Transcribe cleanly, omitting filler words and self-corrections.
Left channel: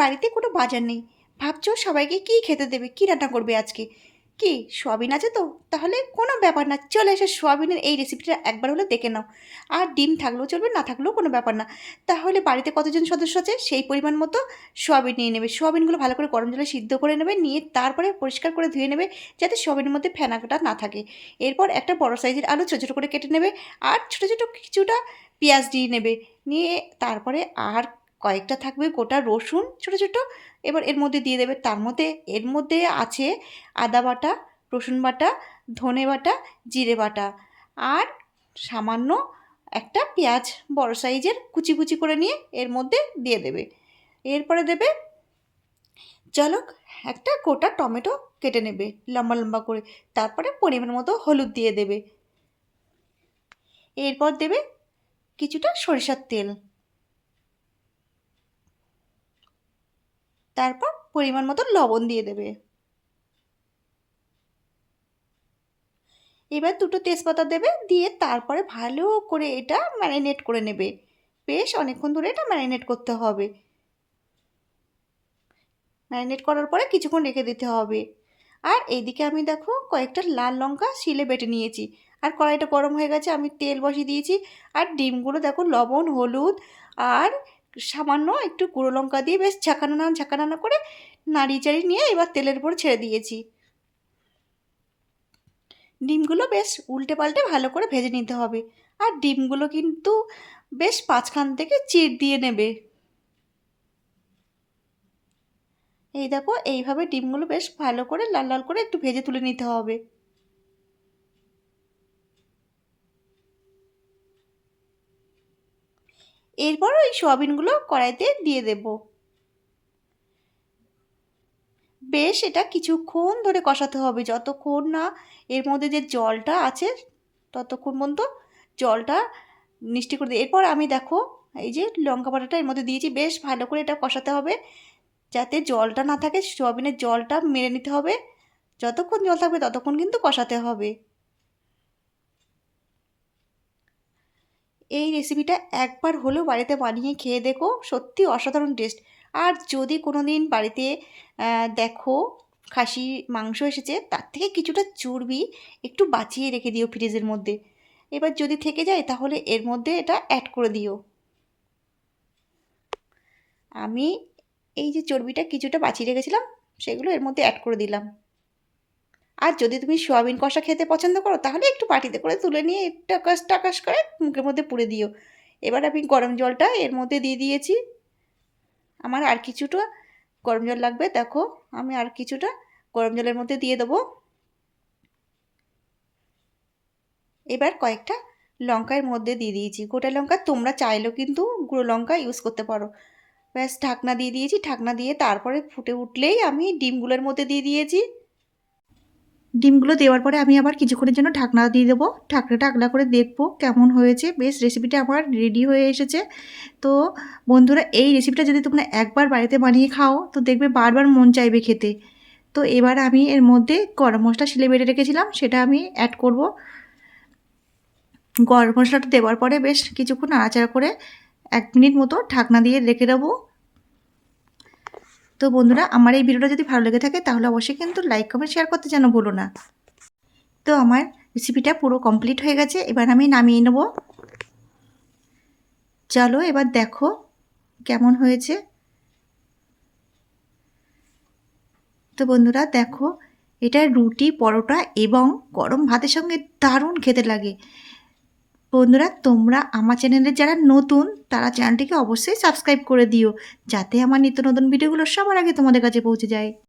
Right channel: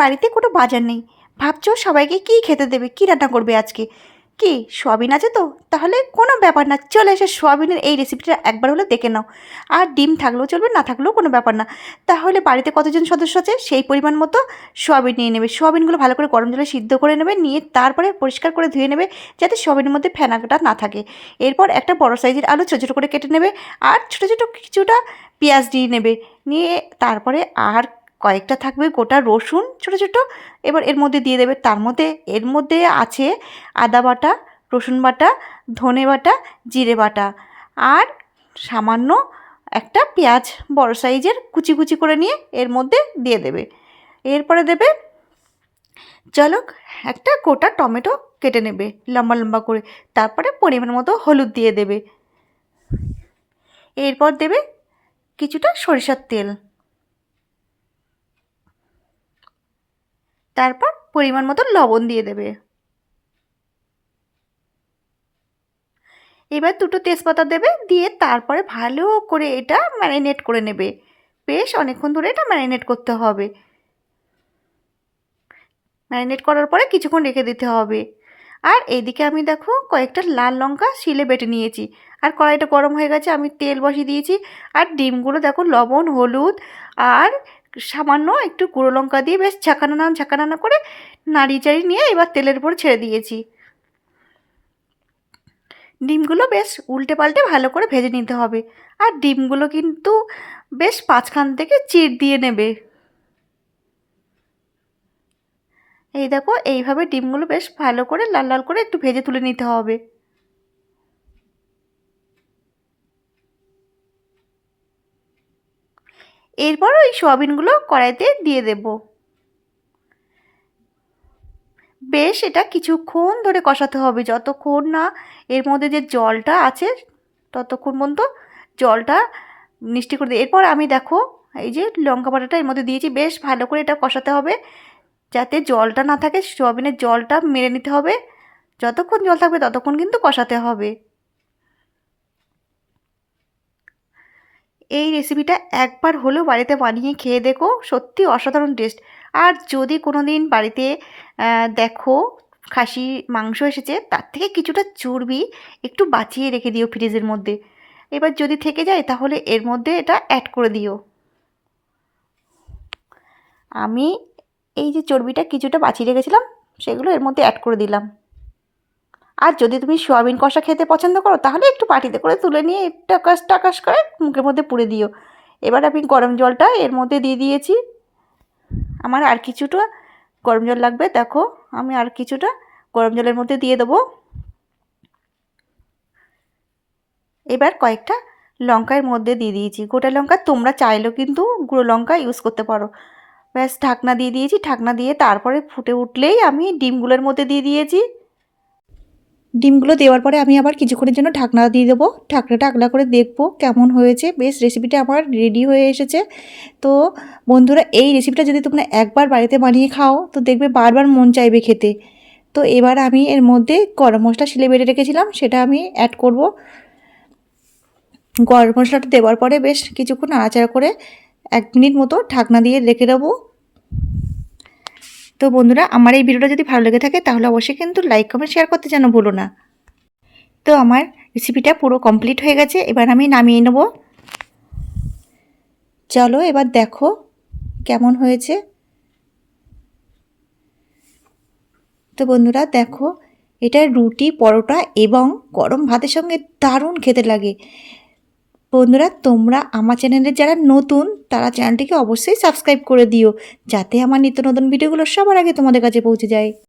বাড়িতে কোনো বাজার নেই, ভাবছো সবাইকে কী খেতে দেবে, কী রান্না করবে আজকে? কি সোয়াবিন আছে তো? তাহলে কোনো ব্যাপার না, চলে এসে সোয়াবিনের এই রেসিপিটা একবার হলে দেখে নাও। আর ডিম থাকলেও চলবে, না থাকলেও কোনো ব্যাপার না। তাহলে বাড়িতে কতজন সদস্য আছে সেই পরিমাণ মতো সোয়াবিন নিয়ে নেবে। সোয়াবিনগুলো ভালো করে গরম জলে সিদ্ধ করে নেবে, নিয়ে তারপরে পরিষ্কার করে ধুয়ে নেবে, যাতে সোয়াবিনের মধ্যে ফেনাটা না থাকে। এরপর একটা বড় সাইজের আলু ছোটো ছোটো করে কেটে নেবে, আর ছোটো ছোটো কিছুটা পেঁয়াজ দিয়ে নেবে, নিয়ে তারপরে আর কয়েকটা থাকবে গোটা রসুন ছোটো ছোটো। এবার এর মধ্যে দিয়ে দেবে, এর মধ্যে আছে আদা বাটা, রসুন বাটা, ধনে বাটা, জিরে বাটা, আর সামান্য একটা পেঁয়াজ বড় সাইজের কুচি কুচি করে নিয়ে এর মধ্যে দিয়ে দেবে। এরপরে দেবে, চলো, একটা গোটা টমেটো কেটে নেবে লম্বা লম্বা করে, তারপরে পরিমাণ মতো হলুদ দিয়ে দেবে। এরপর দেবে কিছুটা সরিষার তেল, তারপর পরিমাণ মতো লবণ দিয়ে দেবে। এবার দুটো তেজপাতা দেবে, দিয়ে তারপরে ভালো করে এটা ম্যারিনেট করে নেবে। বেশ অনেকক্ষণ ধরে এটা ম্যারিনেট করতে হবে। ম্যারিনেট করার পরে কিছুক্ষণ রেখে দিতে হবে। আর এইদিকে আমি দেখো কয়েকটা লাল লঙ্কা শিলে বেটে নিয়েছি। আর কড়াইটা গরম হয়ে গেছে, আমি তেল বসিয়ে দিয়েছি। আর ডিমগুলো দেখো লবণ, হলুদ আর সামান্য একটু গুঁড়ো লঙ্কা দিয়ে বেশ ঝাঁকানানা করে নাড়িয়ে চাড়িয়ে নিয়ে এবার তেলের উপর ছেড়ে দিয়েছি। ডিমগুলো বেশ উল্টে পাল্টে ভালো করে ভেজে নিতে হবে। আর ডিমগুলো কিন্তু বেশ মাঝখান থেকে চিড় দিয়ে নেবে। এই দেখো এইভাবে ডিমগুলো বেশ ভালো করে লাল লাল করে একটু ভেজে তুলে নিতে হবে। এরপর ওই সোয়াবিনগুলো কড়াইতে দিয়ে দেব। বেশ এটা কিছুক্ষণ ধরে কষাতে হবে, যতক্ষণ না এর মধ্যে যে জলটা আছে ততক্ষণ পর্যন্ত জলটা মিষ্টি করে দিই। এরপর আমি দেখো এই যে লঙ্কা বাটাটা এর মধ্যে দিয়েছি, বেশ ভালো করে এটা কষাতে হবে যাতে জলটা না থাকে। সোয়াবিনের জলটা মেরে নিতে হবে, যতক্ষণ জল থাকবে ততক্ষণ কিন্তু কষাতে হবে। এই রেসিপিটা একবার হলেও বাড়িতে বানিয়ে খেয়ে দেখো, সত্যি অসাধারণ টেস্ট। আর যদি কোনো দিন বাড়িতে দেখো খাসি মাংস এসেছে, তার থেকে কিছুটা চর্বি একটু বাঁচিয়ে রেখে দিও ফ্রিজের মধ্যে। এবার যদি থেকে যায় তাহলে এর মধ্যে এটা অ্যাড করে দিও। আমি এই যে চর্বিটা কিছুটা বাঁচিয়ে রেখেছিলাম, সেগুলো এর মধ্যে অ্যাড করে দিলাম। আর যদি তুমি সোয়াবিন কষা খেতে পছন্দ করো তাহলে একটু বাটিতে করে তুলে নিয়ে টাকাস টাকাস করে মুখের মধ্যে পুরে দিও। এবার আমি গরম জলটা এর মধ্যে দিয়ে দিয়েছি। আমার আর কিছুটা গরম জল লাগবে, দেখো আমি আর কিছুটা গরম জলের মধ্যে দিয়ে দেবো। এবার কয়েকটা লঙ্কা এর মধ্যে দিয়ে দিয়েছি, গোটা লঙ্কা, তোমরা চাইলেও কিন্তু গুঁড়ো লঙ্কা ইউজ করতে পারো। ব্যাস ঢাকনা দিয়ে দিয়েছি, ঢাকনা দিয়ে তারপরে ফুটে উঠলেই আমি ডিমগুলোর মধ্যে দিয়ে দিয়েছি। ডিমগুলো দেওয়ার পরে আমি আবার কিছুক্ষণের জন্য ঢাকনা দিয়ে দেবো। ঢাকনাটা আগলা করে দেখবো কেমন হয়েছে। বেশ রেসিপিটা আমার রেডি হয়ে এসেছে। তো বন্ধুরা, এই রেসিপিটা যদি তোমরা একবার বাড়িতে বানিয়ে খাও তো দেখবে বারবার মন চাইবে খেতে। তো এবার আমি এর মধ্যে গরম মশলা শিলে বেটে রেখেছিলাম, সেটা আমি অ্যাড করব। গরম মশলাটা দেওয়ার পরে বেশ কিছুক্ষণ নাড়াচাড়া করে 1 মিনিট মতো ঢাকনা দিয়ে রেখে দেবো। তো বন্ধুরা, আমার এই ভিডিওটা যদি ভালো লেগে থাকে তাহলে অবশ্যই কিন্তু লাইক কমেন্ট শেয়ার করতে যেন ভুলো না। তো আমার রেসিপিটা পুরো কমপ্লিট হয়ে গেছে, এবার আমি নামিয়ে নেব। চলো এবার দেখো কেমন হয়েছে। তো বন্ধুরা দেখো, এটা রুটি, পরোটা এবং গরম ভাতের সঙ্গে দারুণ খেতে লাগে। বন্ধুরা, তোমরা আমার চ্যানেলে যারা নতুন তারা চ্যানেলটিকে অবশ্যই সাবস্ক্রাইব করে দিও, যাতে আমার নিত্য নতুন ভিডিওগুলো সবার আগে তোমাদের কাছে পৌঁছে যায়।